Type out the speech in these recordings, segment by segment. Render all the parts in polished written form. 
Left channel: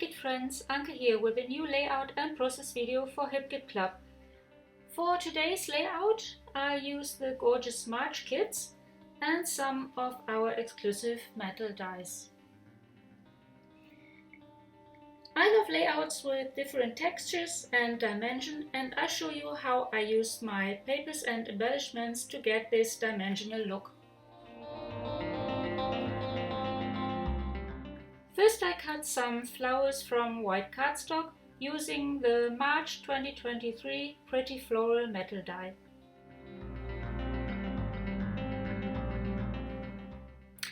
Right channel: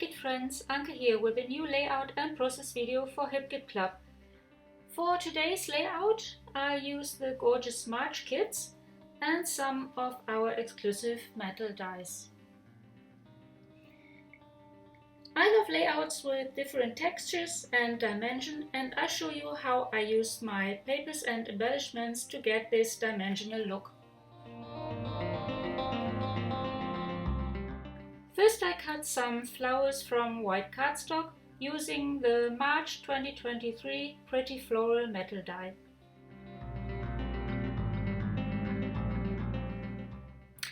HipKit friends, Anke here with a new layout and process video for Hip Kit Club. For today's layout, I use the gorgeous March kits and some of our exclusive metal dies. I love layouts with different textures and dimension, and I'll show you how I use my papers and embellishments to get this dimensional look. First I cut some flowers from white cardstock using the March 2023 Pretty Floral metal die.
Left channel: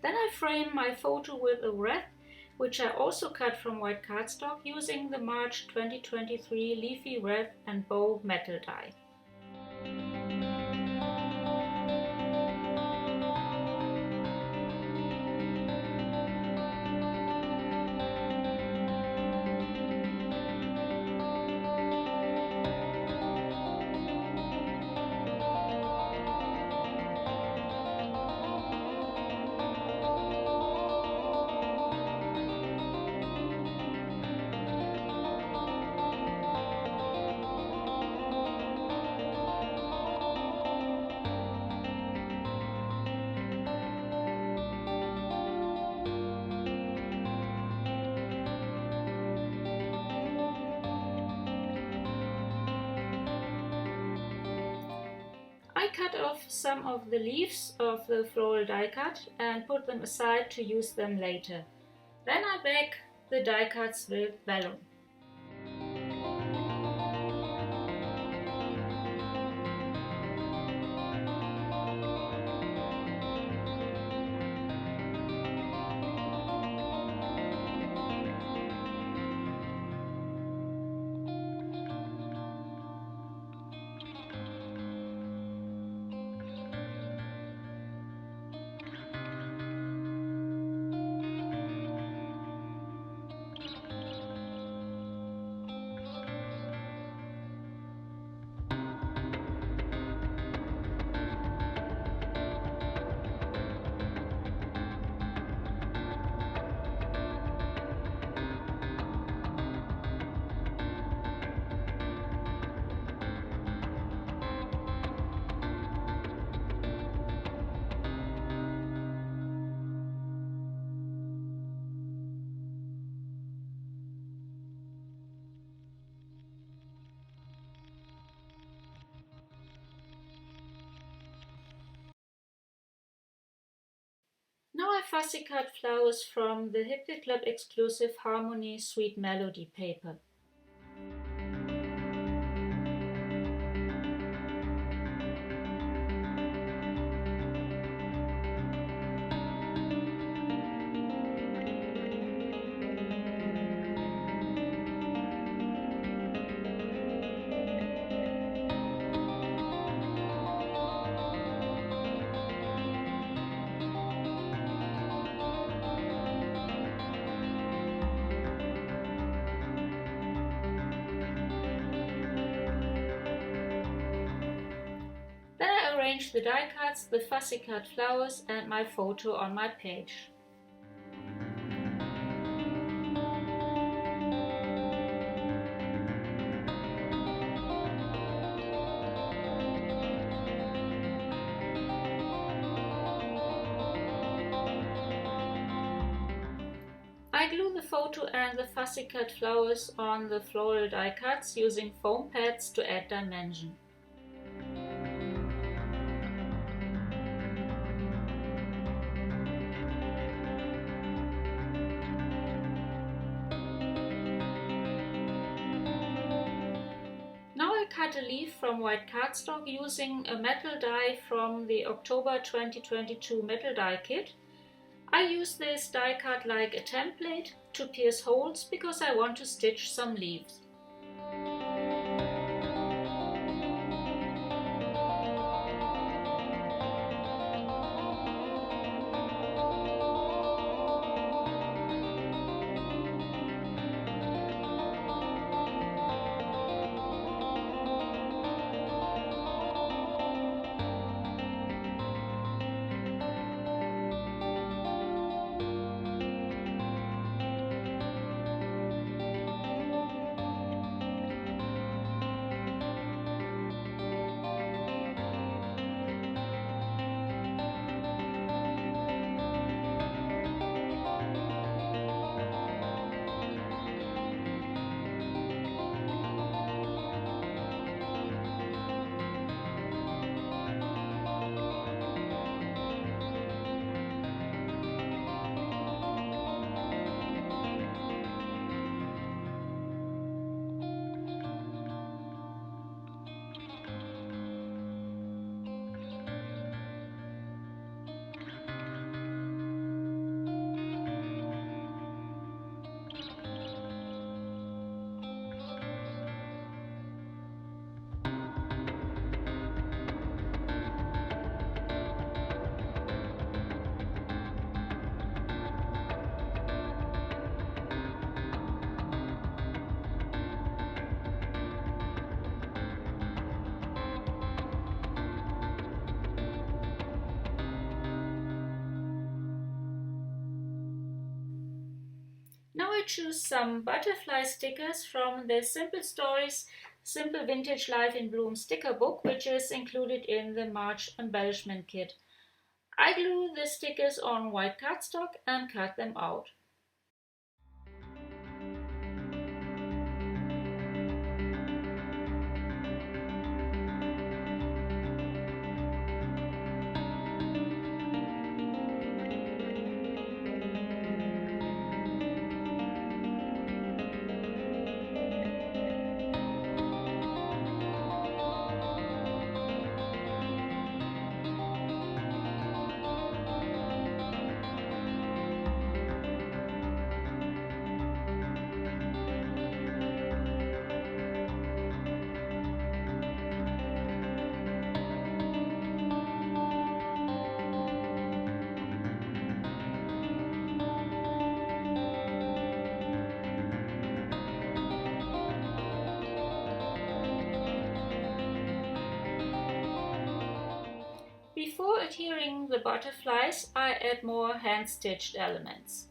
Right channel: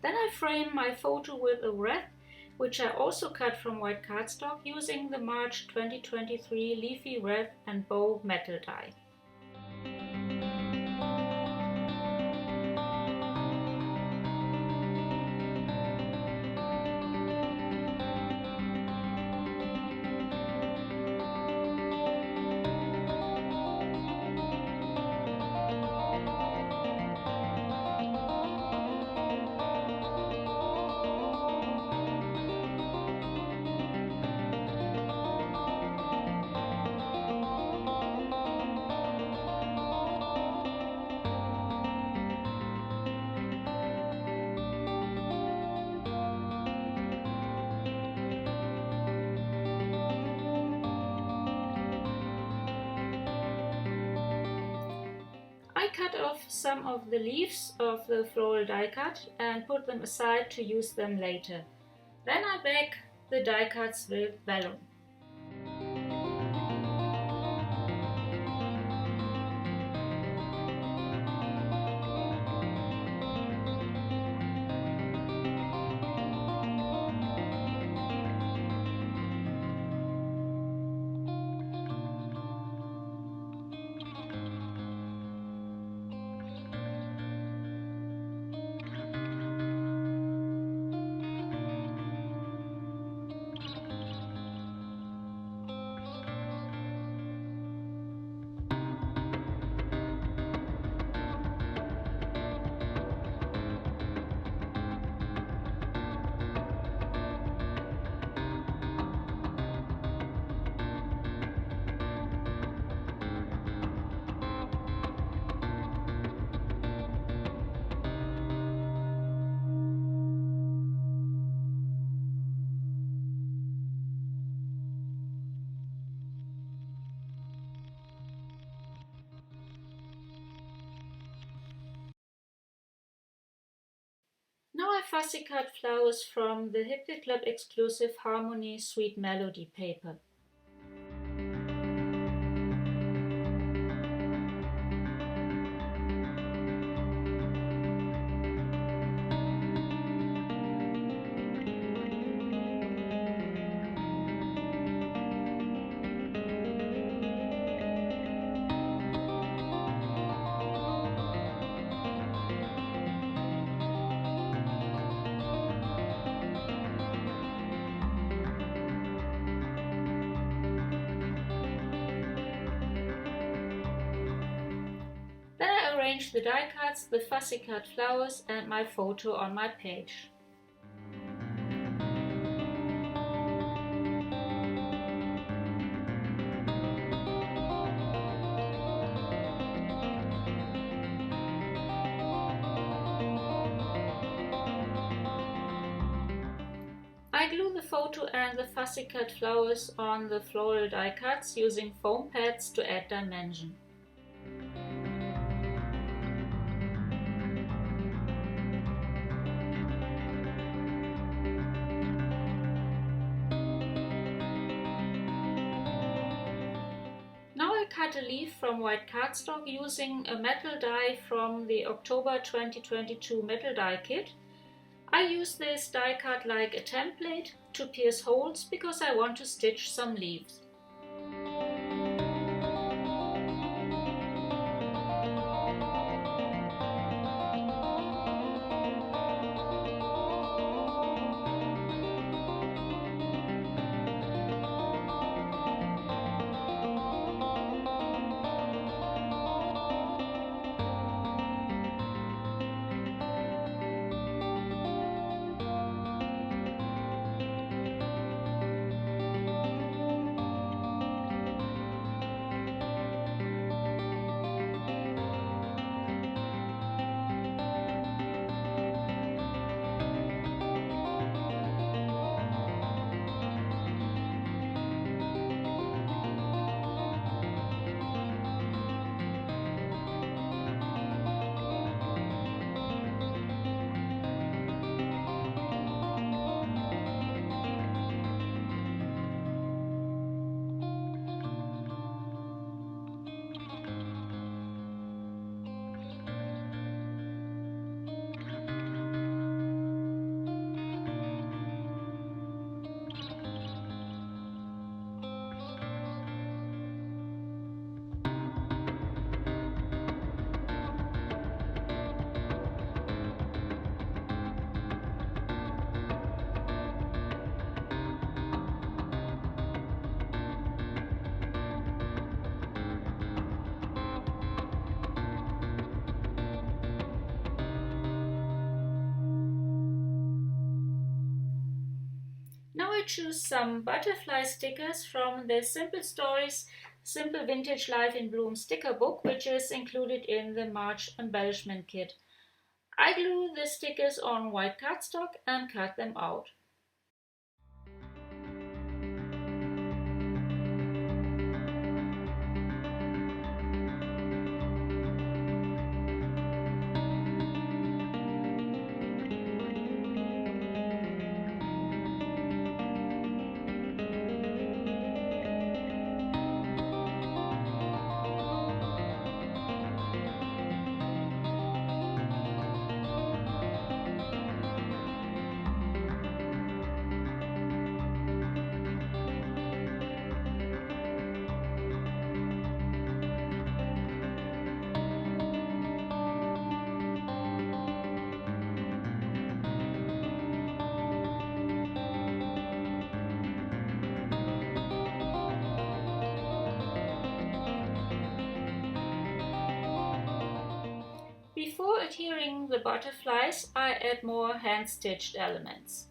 Then I frame my photo with a wreath, which I also cut from white cardstock using the March 2023 Leafy Wreath and Bow metal die. I cut off some of the leaves of the floral die cut and put them aside to use them later. Then I bag the die cuts with vellum. Now I fussy cut flowers from the Hip Kit Club exclusive Harmony Sweet Melody paper. Then I arrange the die cuts, the fussy cut flowers and my photo on my page. I glue the photo and the fussy cut flowers on the floral die cuts using foam pads to add dimension. Now I cut a leaf from white cardstock using a metal die from the October 2022 metal die kit. I use this die cut like a template to pierce holes because I want to stitch some leaves. Now I choose some butterfly stickers from the Simple Stories Simple Vintage Life in Bloom sticker book, which is included in the March embellishment kit. I glue the stickers on white cardstock and cut them out. Before adhering the butterflies, I add more hand-stitched elements.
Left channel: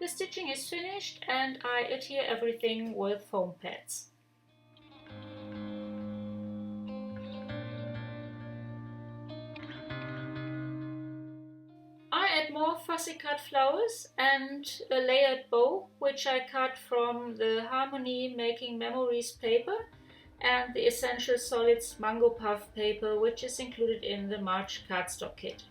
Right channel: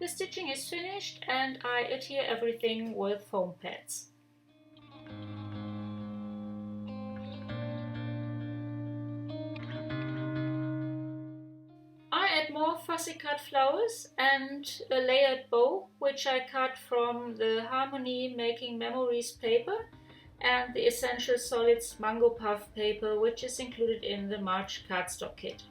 The stitching is finished and I adhere everything with foam pads. I add more fussy cut flowers and a layered bow, which I cut from the Harmony Making Memories paper and the Essential Solids Mango Puff paper, which is included in the March cardstock kit.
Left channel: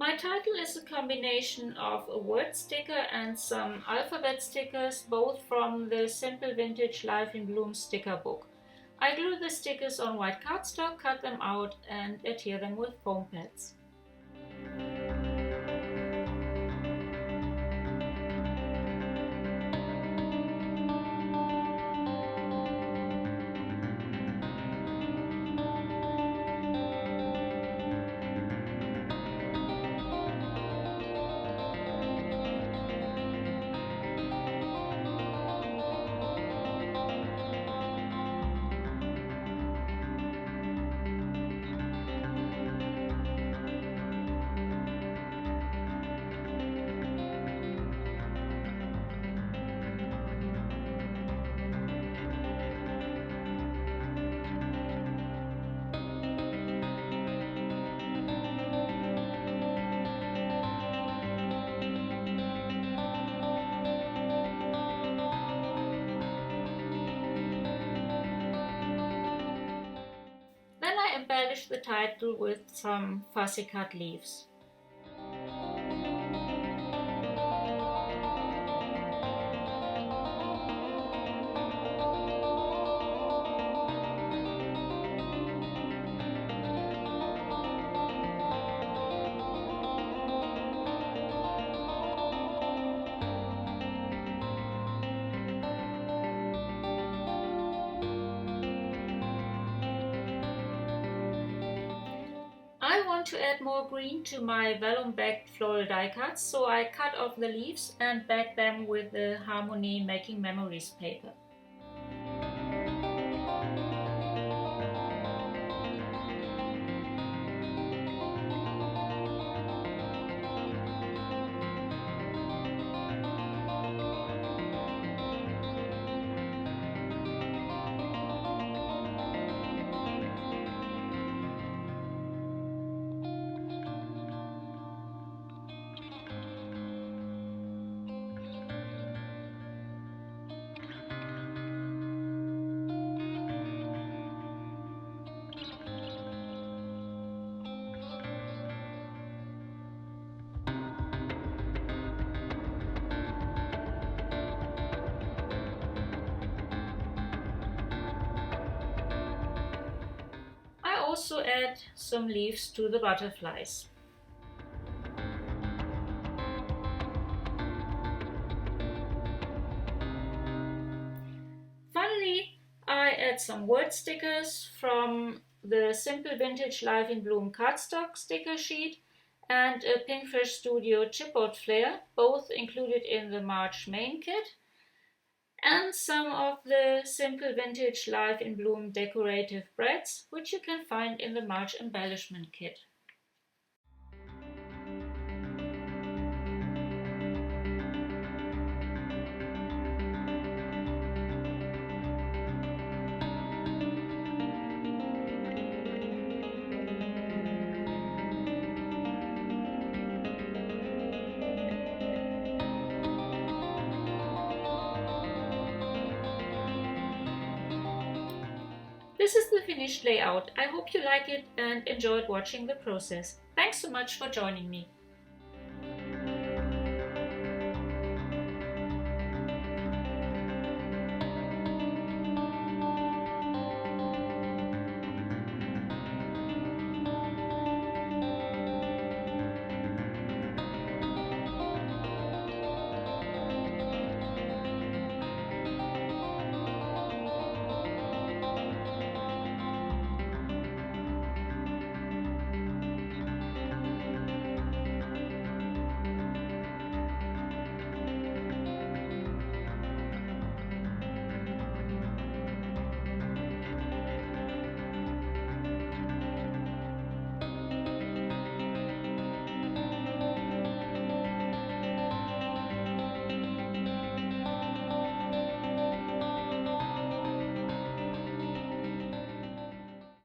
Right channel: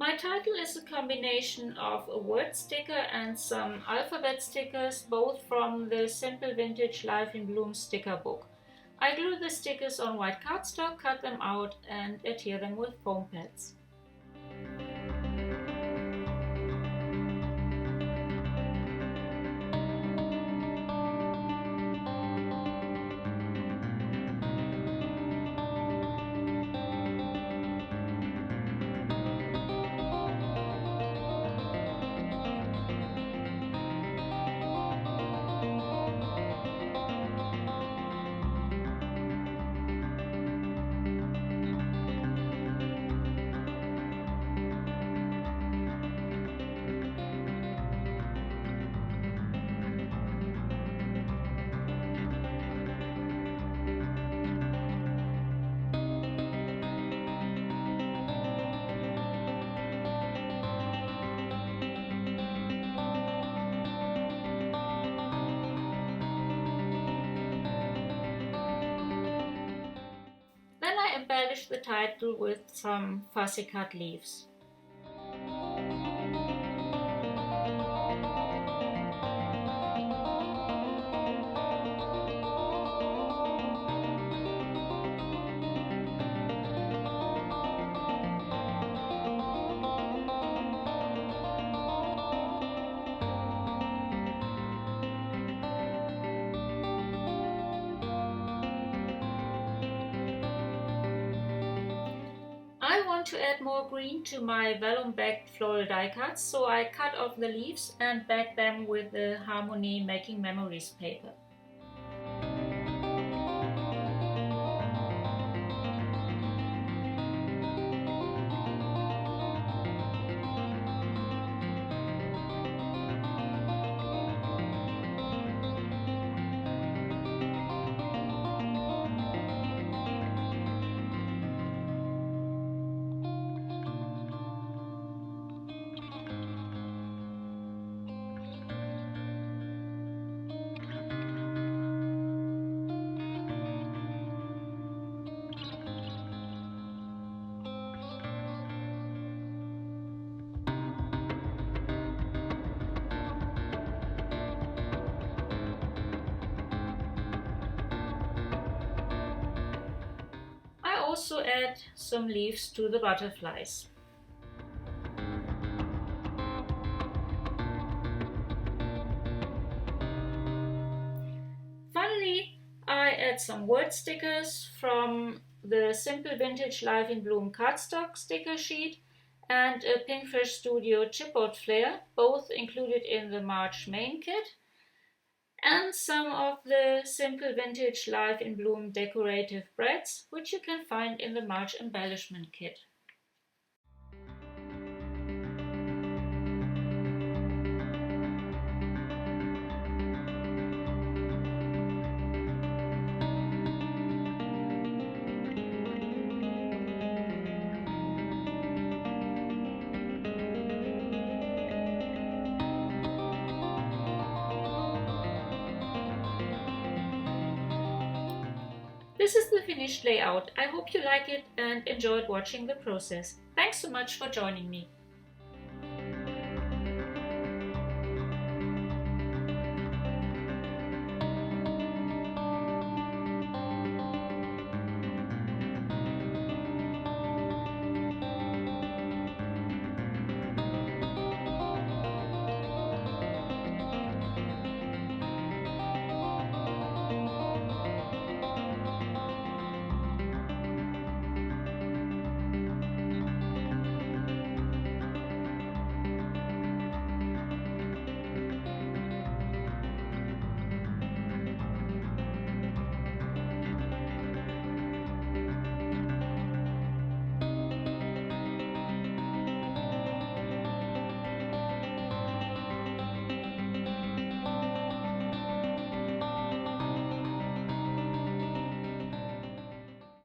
My title is a combination of a word sticker and some alphabet stickers, both from the Simple Vintage Life in Bloom sticker book. I glue the stickers on white cardstock, cut them out and adhere them with foam pads. embellish the title with some fussy cut leaves. I want to add more green to my vellum-backed floral die cuts, so I cut off the leaves and back them with the Harmony Making Memories paper. I also add some leaves to the butterflies. Finally, I add some word stickers from the Simple Vintage Life in Bloom cardstock sticker sheet and a Pinkfish Studio chipboard flare, both included in the March main kit, and some of the Simple Vintage Life in Bloom decorative breads, which you can find in the March embellishment kit. This is the finished layout. I hope you like it and enjoyed watching the process. Thanks so much for joining me.